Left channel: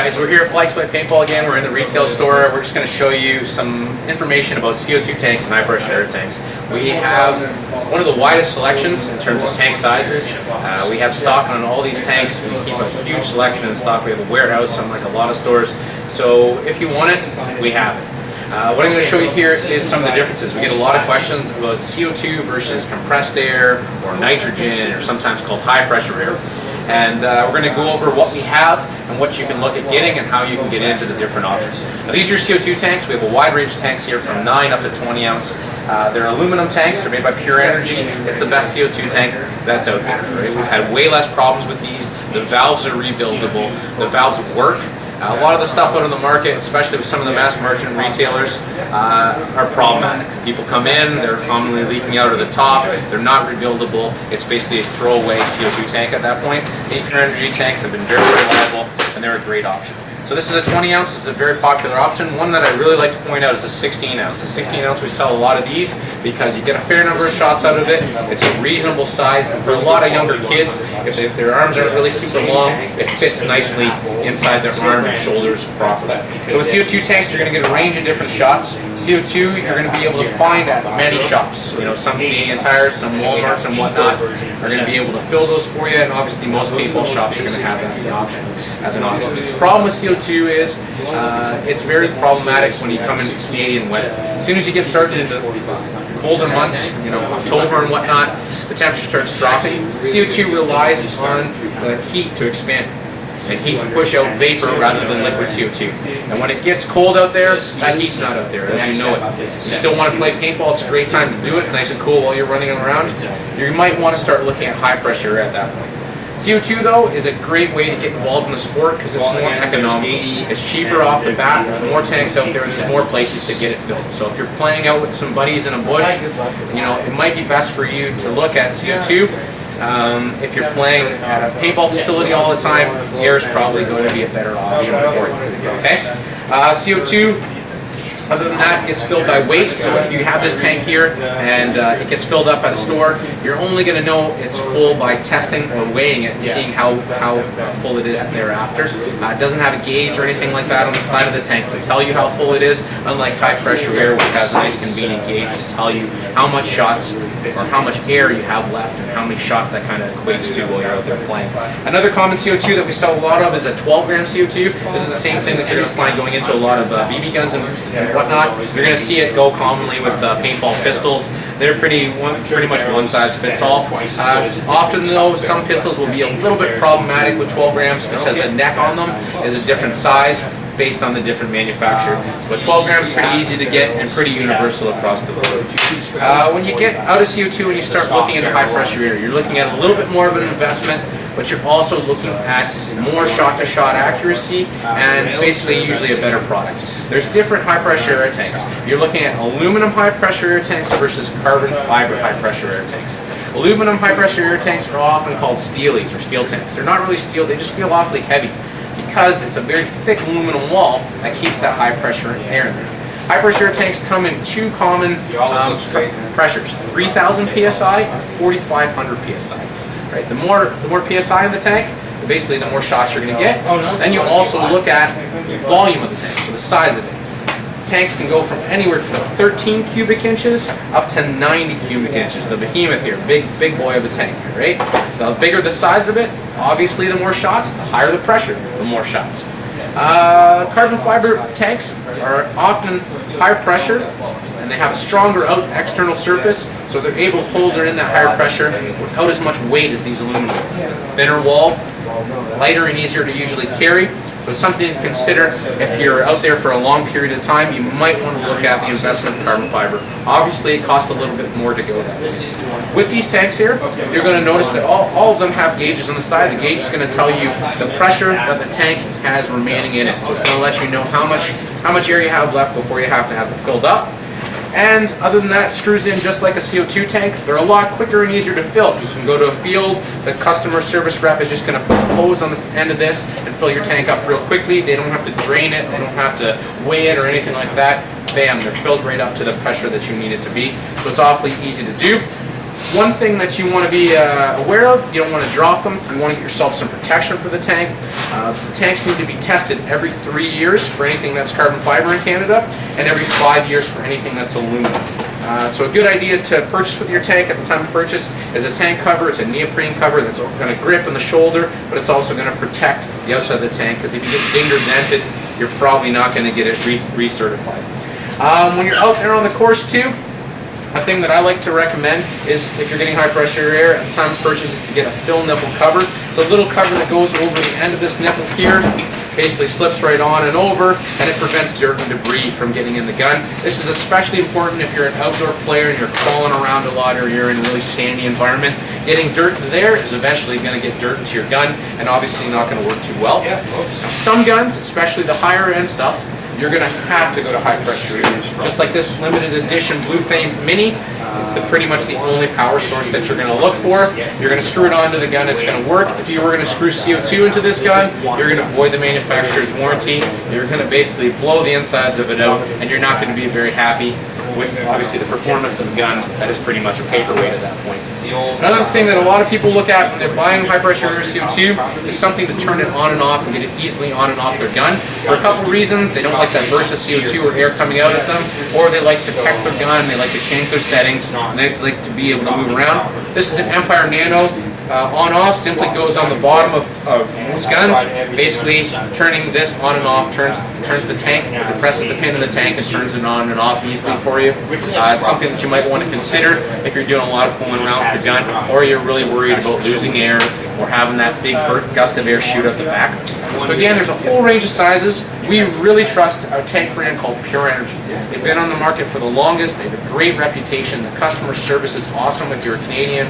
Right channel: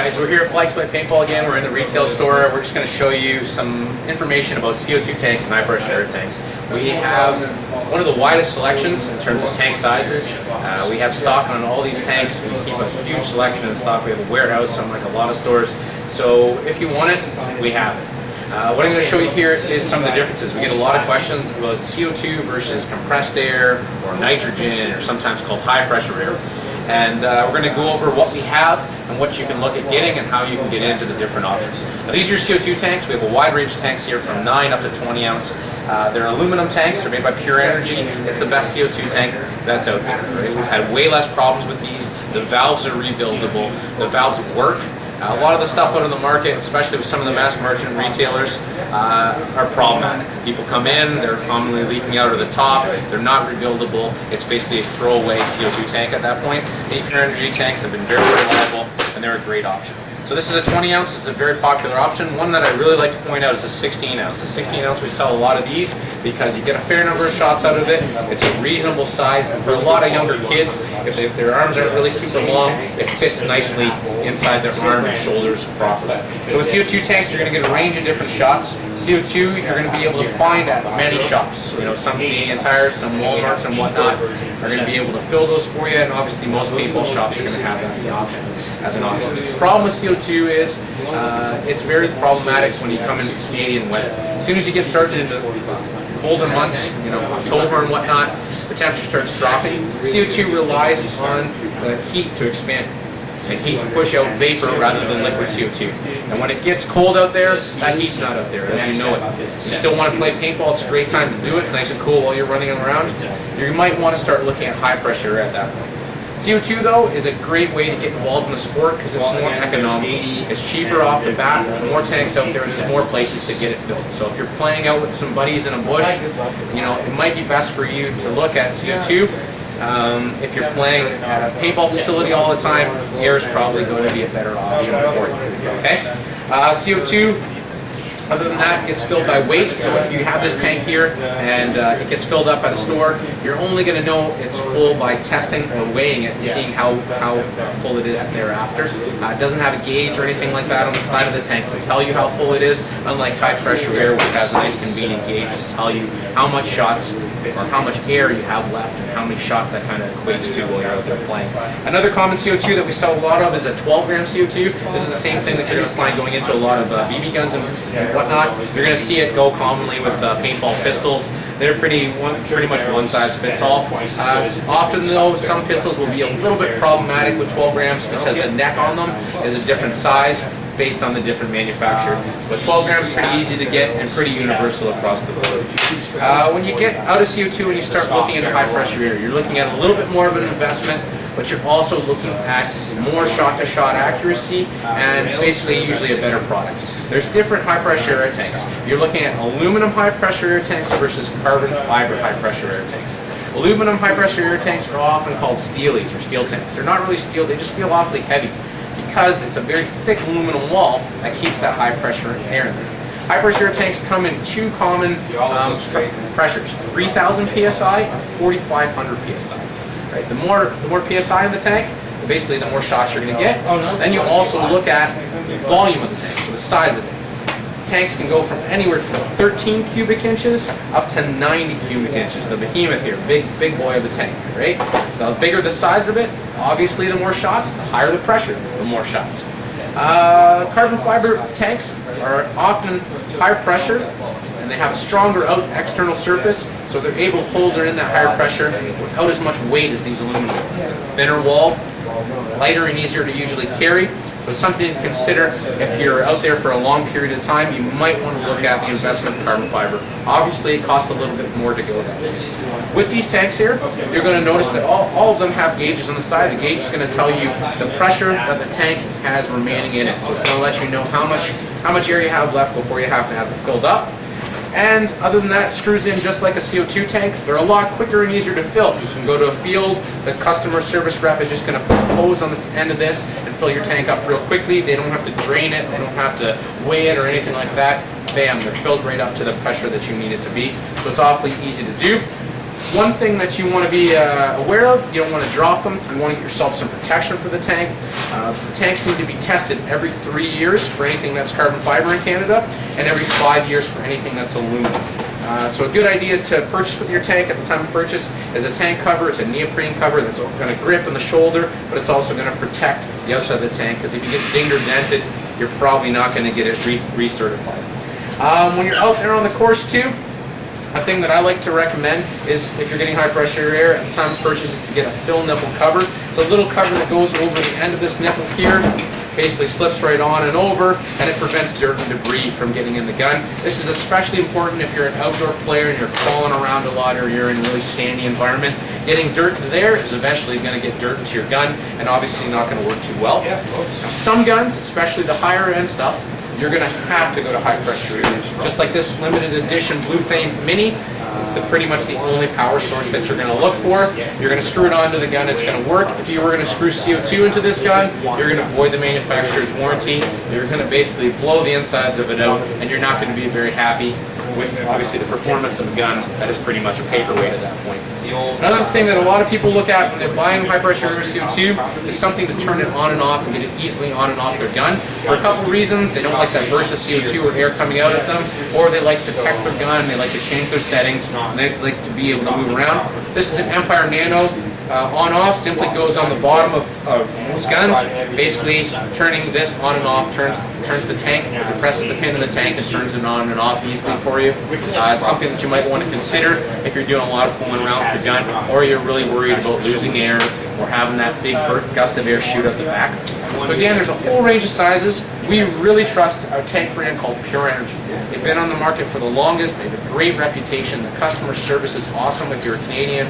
Guys, we're here at Flagswipe Paintball again. We're in the retail store. We're just going to show you some information about CO2 tanks and high pressure air tanks. We have one of the widest selections in terms of tank sizes. We have stock on all these tanks. We keep a huge selection in stock. We have a warehouse, unlike a lot of stores. So if you want it, we have it. What I'm going to show you here is some of the differences. We get a lot of questions about CO2 versus compressed air or nitrogen, or sometimes called high pressure air. And we're going to go over what we have and what you can look at getting and how you can get into the different options. Now, these are your CO2 tanks. We have a wide range of tanks here from 9 up to 20 ounce. They're aluminum tanks. They're made by Pure Energy. It's the best CO2 tank that's out there. Right? We've had way less problems with these. The valves are rebuildable. The valves work. A lot of the stuff out on the market, especially with some of the mass merchant retailers, are problematic. People come in, they're commonly leaking out of the top, they're not rebuildable. It's basically a throwaway CO2 tank at that point. These Pure Energy tanks have been very reliable, and they're a great option. So this is a 20 ounce, this is a very popular option. One that I really like to point out is a 16 ounce. The 16 ounce, we sell a lot of these because you get a fair number of shots out of it. It's a reasonable size, and for a lot of younger kids, if their arms aren't really super long, it fits nicely inside their arm and shoulders properly. So with CO2 tanks, you're going to get a range of different shots. CO2, you're going to be able to find at many shops. You know, some Canadian Tires, some Walmarts and whatnot are going to be able to fill those for you, and obviously most paintball shops are going to have that as an option. The problem with CO2 is it's very problematic when you come into Canadian weather. As soon as you get started into colder months, you know, October and whatnot, the temperature starts dropping. CO2 relies on heat to expand and heat to push out vapor rather than liquid CO2. And when it gets cold out there, that heat's not out there, as you know it. You still want to play paintball, it's a great time to do it. It's nice and cool while you're running around. You might want to start looking at high pressure air at that point. CO2 though is a great way to get involved in the sport because it's more economical. It's cheaper off the bat, there's more tanks out there, and there's more places to get it filled. So if you're playing out with some buddies in a bush, you know, it might be best for you to look at CO2. If you're playing at a paintball facility all the time, air is probably going to be a better option for you. Okay? CO2, other than that, gets filled by weight. So if you have this tank here and it gets filled up at a store, you're only going to know it's full by testing or weighing it and seeing how full it is thereafter. It doesn't have a gauge or anything like that on the side of the tank to tell you how full it is, unlike high pressure air, which has a nice convenient gauge to tell you how much shots or how much air you have left and how many shots that kind of equates to while you're out there playing. Another common CO2 that we sell a lot of is a 12 gram CO2. This is the same thing that you're going to find going into a lot of BB guns and whatnot. You're going to see it go commonly with paintball pistols. They're pretty much one size fits all. Often though, some pistols will be a little bit problematic with 12 grams because the neck on them is a different size based on the different manufacturer. But 12 grams is pretty easy to get and pretty universal across the board. When you get out of CO2 and you start looking into high pressure air, you're looking at a little bit more of an investment, but you're also looking at more shot-to-shot accuracy and basically usually a better product. There's different high-pressure air tanks. You're looking at aluminum high-pressure air tanks versus carbon fiber high-pressure air tanks. Aluminum high-pressure air tanks are often called steelies or steel tanks. They're not really steel, they just feel awfully heavy because it's a very thick aluminum wall that keeps that high-pressure air in there. High-pressure air tanks come in two common pressures, 3,000 psi and 4,500 psi. Right? The more psi in the tank, basically the more shots you're going to get. Then you also look at the volume of the tank, so the size of it. Tanks can go from anywhere from 13 cubic inches up to 90 cubic inches. The behemoth here, big boy of the tank, right? The bigger the size of it, obviously the more shots, the higher the pressure, the more shots. Carbon fiber tanks are often higher pressure, and they have a stronger external surface, so they're able to hold it in that higher pressure without as much weight as these aluminum ones. Thinner walled, lighter and easier to usually carry. So it's something to consider if you're out there for a long period of time. You might want to look at the investment in carbon fiber. Obviously, it costs a little bit more to go that way. With these tanks here, you're going to notice that all of them have gauges on the side. The gauge is going to tell you the pressure that the tank has remaining in it. So it's going to let you know how much air you have left before you have to have it filled up. And other than that, it screws in just like a CO2 tank. They're a lot quicker and easier to fill. You can go to a field, the customer service rep is just going to put a hose on the end of this and fill your tank up real quickly. They don't have to drain it, they don't have to weigh it or anything like that. Bam, they're filled right up to the pressure that you need it to be. So it's awfully easy to do. One thing that you want to be aware of, you don't want to drop them. You want to get yourself some protection for the tank. The tanks need to be tested every 3 years for anything that's carbon fiber in Canada, and every 5 years for anything that's aluminum. So a good idea to purchase with your tank at the time of purchase is a tank cover. It's a neoprene cover that's going to grip in the shoulder, but it's also going to protect the outside of the tank, because if you get dinged or dented, you're probably not going to get it recertified. When you're out there on the course too, a thing that I like to recommend is, if you're getting high pressure air at the time of purchase, is to get a fill nipple cover. It's a little cover that goes over the end of this nipple here, basically slips right on and over, and it prevents dirt and debris from getting in the gun. This is especially important if you're an outdoor player and you're crawling around a lot, or you're in a really sandy environment. Getting dirt there is eventually going to get dirt into your gun, and obviously not going to work too well. Now, some guns, especially the higher end stuff, you're going to have to go to high pressure air. Just like this limited edition Blue Flame Mini, it's pretty much the only power source that you're going to look for. You're going to screw it onto the gun, it's going to work. If you were going to screw CO2 into this gun, you're going to void the manufacturer's warranty. You're going to basically blow the insides of it out, and you're not going to be very happy with, obviously, the performance of a gun that is pretty much a paperweight at that point. Another thing that a lot of people look at when they're buying high pressure air CO2 is something to turn it on and off and get it easily on and off their gun. For a couple of reasons. They don't like that burst of CO2 or air coming out at them, or they like to protect their gun, they like to change their settings, and they like to be able to move around. This is an Empire Nano. On-off simply goes on the bottom of most guns. Basically, turning this on and off turns the tank, it presses the pin in the tank and turns it on and off easily for you. It's something that you might want to consider if you're doing a lot of fooling around with your gun, or you're really worried about losing air or having that big gust of air shoot out the back. So again, there's a whole range of sizes. We really trust our tank brand called Pure Energy. They've been on the market for the longest. They have a great reputation. The customer service is awesome. If you're a Canadian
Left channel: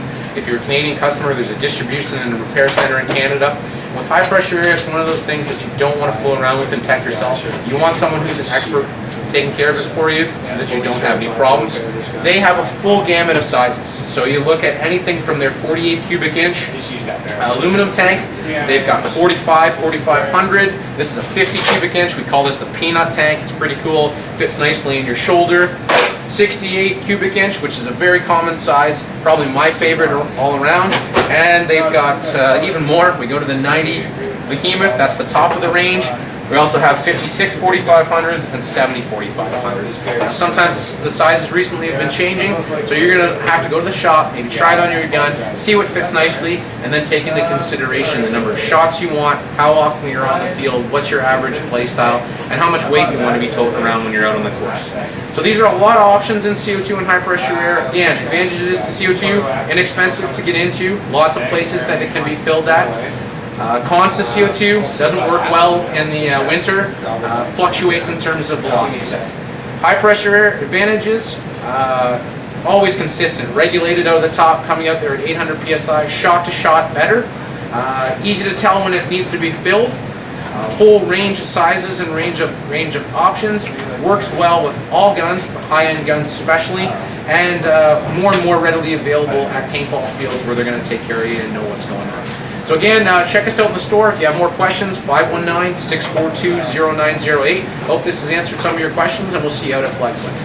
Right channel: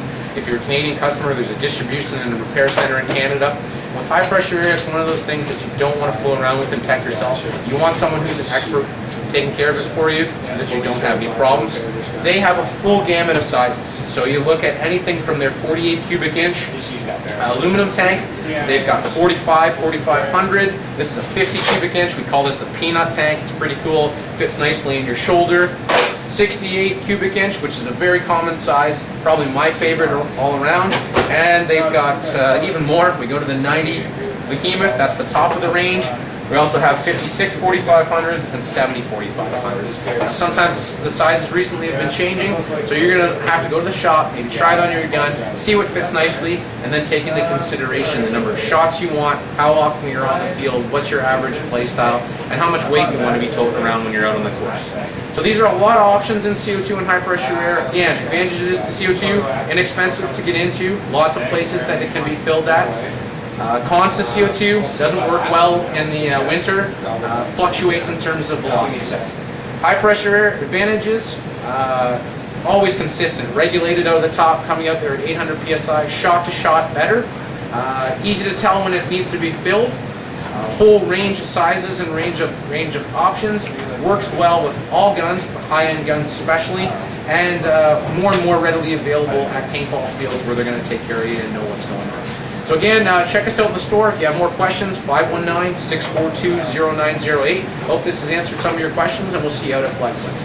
customer, there's a distribution and a repair center in Canada. With high pressure air, it's one of those things that you don't want to fool around with and tech yourself. You want someone who's an expert taking care of it for you so that you don't have any problems. They have a full gamut of sizes. So you look at anything from their 48 cubic inch aluminum tank. They've got 45, 4500. This is a 50 cubic inch. We call this the peanut tank. It's pretty cool. Fits nicely in your shoulder. 68 cubic inch, which is a very common size, probably my favorite all around. And they've got even more. We go to the 90 behemoth. That's the top of the range. We also have 56 4500s and 70 4500s. Sometimes the sizes recently have been changing, so you're going to have to go to the shop, maybe try it on your gun, see what fits nicely, and then take into consideration the number of shots you want, how often you're on the field, what's your average play style, and how much weight you want to be toting around when you're out on the course. So these are a lot of options in CO2 and high pressure air. Again, advantages to CO2, inexpensive to get into, lots of places that it can be filled at. Cons to CO2, doesn't work well in the winter, fluctuates in terms of velocity. High pressure air, advantages, always consistent, regulated out of the top, coming out there at 800 psi, shot to shot better, easy to tell when it needs to be filled, whole range of sizes and range of options, works well with all guns, but high-end guns especially, and more readily available at paintball fields where they're going to take care of you and know what's going on. So again, check us out in the store. If you have more questions, 519-642-0908. Hope this has answered some of your questions, and we'll see you out at Flagswipe.